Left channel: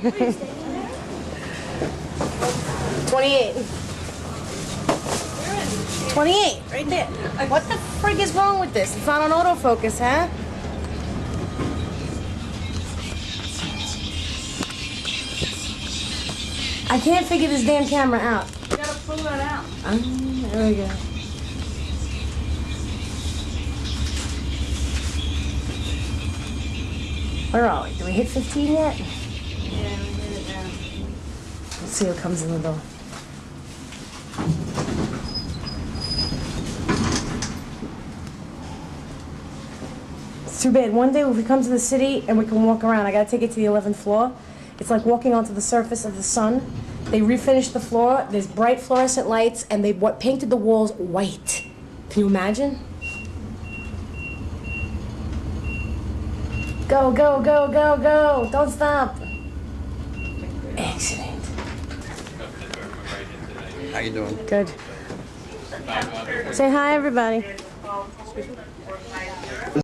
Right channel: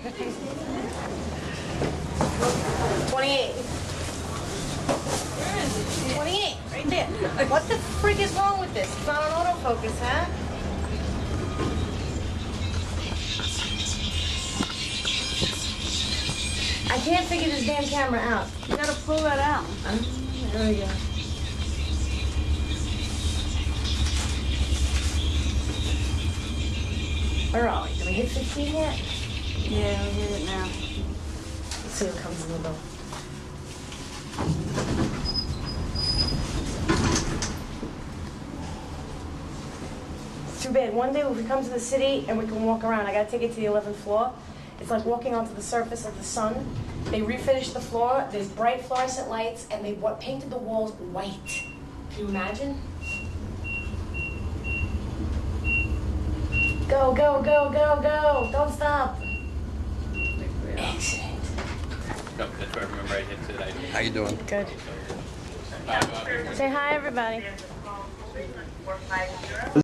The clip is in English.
28. 28, right there. What the frig is wrong with this? It's not on autofocus, huh? I can't figure this damn camera out. You gotta pull that out. There we go. Where are we? Did we hit 15 yet? Yeah, we hit it now. Let's see what comes in the door. It's too bad. One day when we come to the city and we can walk around, I gotta take it to the 11th floor. It's like walking onto the surface of the sun. They refinished the floor. There's bright fluorescent lights, and they painted the walls white. Can you imagine? Go, go, go, go, go! Don't stop. Excellent. How you doing? Good. Say hi, everybody.